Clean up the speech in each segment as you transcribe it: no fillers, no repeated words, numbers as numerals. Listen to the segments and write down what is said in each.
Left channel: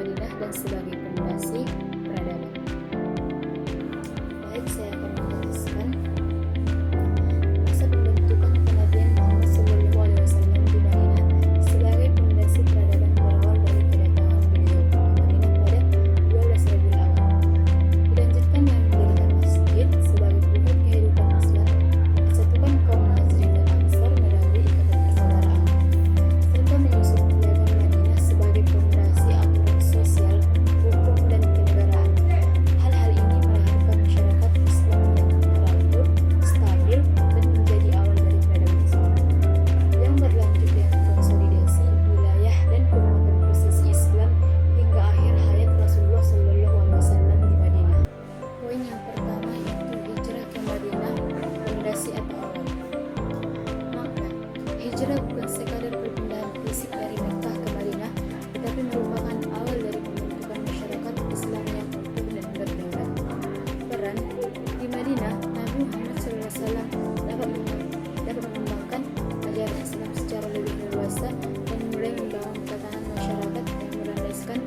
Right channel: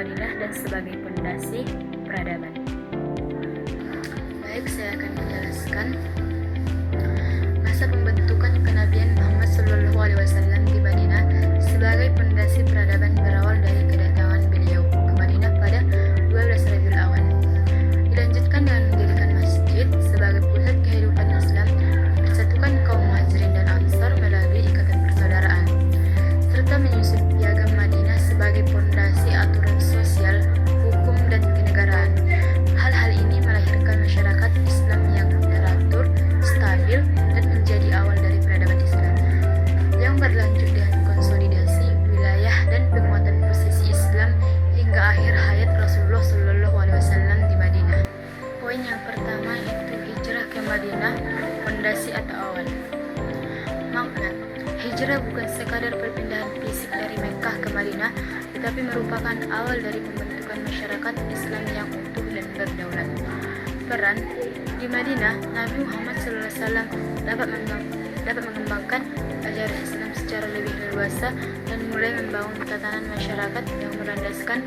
Madinah dan sebagai pondasi peradaban. Baik, saya akan menjelaskan masa pembentukan kenabian Muhammad SAW di Madinah sebagai pondasi peradaban berawal dari kedatangan beliau ke Madinah pada 12 Rabiul Awal. Dilanjutkan dengan mendirikan masjid sebagai pusat kehidupan Islam, persatukan kaum Muhajirin dan Ansar melalui ikatan persaudaraan, serta menyusun piagam Madinah sebagai pondasi aturan sosial, hukum, dan kenegaraan. Hal-hal ini melahirkan masyarakat Islam yang teratur, stabil, dan menjadi awal dari peradaban Islam, yang berlanjut dengan konsolidasi wilayah dan penguatan posisi Islam hingga akhir hayat Rasulullah SAW di Madinah. Poin yang pertama itu hijrah ke Madinah, fondasi atau awal. Makna hijrah bukan sekadar perpindahan fisik dari Mekkah ke Madinah, tetapi merupakan awal dari pembentukan masyarakat Islam yang utuh dan berdaulat. Peran di Madinah, Nabi Muhammad SAW dapat mengembangkan ajaran Islam secara lebih leluasa dan mulai membangun tatanan masyarakat yang berlandaskan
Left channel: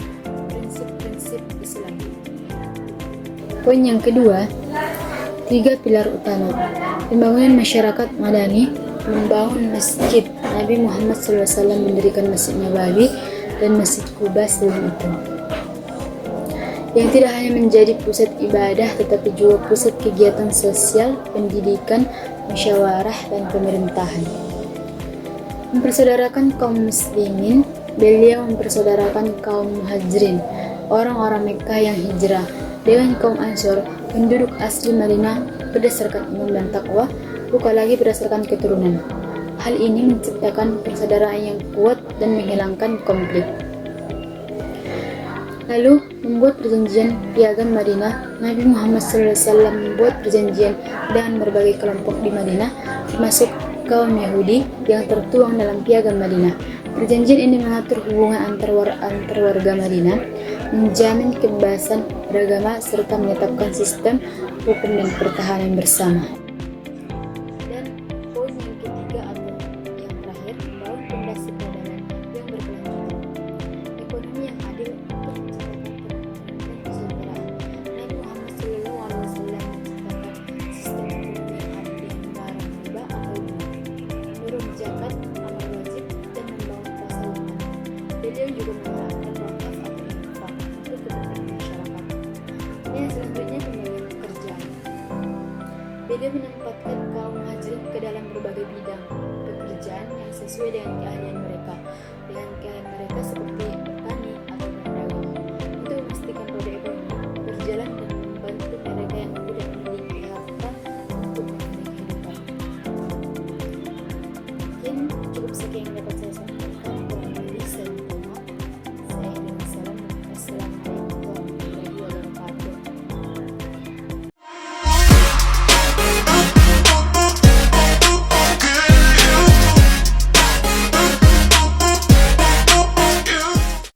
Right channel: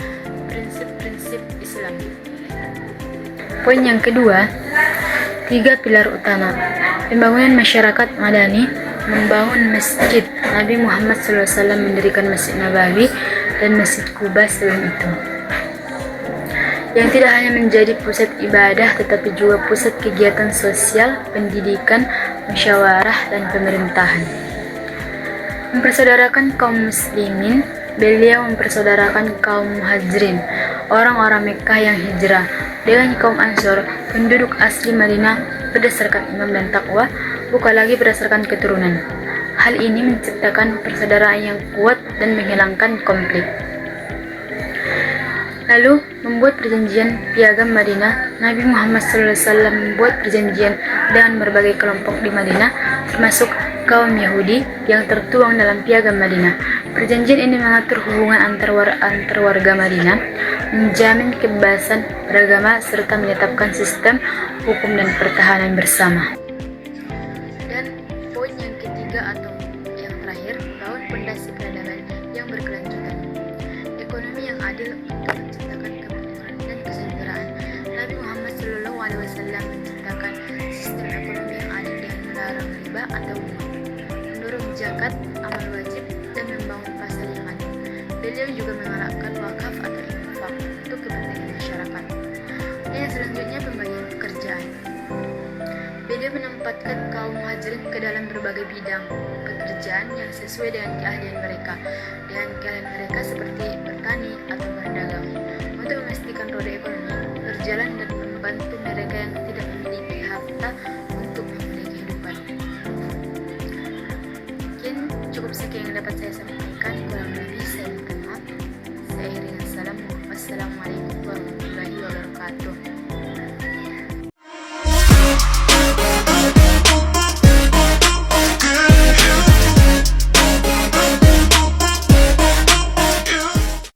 prinsip-prinsip Islam. Poin yang kedua, 3 pilar utama. Pembangunan masyarakat Madani, membangun masjid. Nabi Muhammad SAW mendirikan Masjid Nabawi dan Masjid Quba sebelum itu, yang tidak hanya menjadi pusat ibadah tetapi juga pusat kegiatan sosial, pendidikan, musyawarah, dan pemerintahan. Mempersaudarakan kaum muslimin, beliau mempersaudarakan kaum muhajirin, orang-orang Mekkah yang hijrah, dengan kaum Ansor, penduduk asli Madinah berdasarkan iman dan takwa, bukan lagi berdasarkan keturunan. Hal ini menciptakan persaudaraan yang kuat dan menghilangkan konflik. Lalu, membuat perjanjian piagam Madinah. Nabi Muhammad SAW membuat perjanjian dengan berbagai kelompok di Madinah, termasuk kaum Yahudi yang tertuang dalam piagam Madinah. Perjanjian ini mengatur hubungan antar warga Madinah, menjamin kebebasan beragama, serta menetapkan sistem hukum dan pertahanan bersama. Dan poin yang ketiga atau yang terakhir, membangun fondasi peradaban yang berkelanjutan. Ekonomi yang adil untuk menciptakan kemakmuran dan kesejahteraan. Nabi Muhammad SAW menciptakan sistem ekonomi yang adil dengan melarang riba atau bunga, mendorong zakat, amal wajib, dan membangun pasar yang adil. Beliau juga menerapkan wakaf atau infak untuk kepentingan masyarakat. Dan yang selanjutnya, pembagian pekerjaan. Beliau menempatkan kaum muhajirin ke dalam berbagai bidang pekerjaan yang sesuai dengan keahlian mereka. seperti bertani atau berdagang, untuk memastikan roda ekonomi berjalan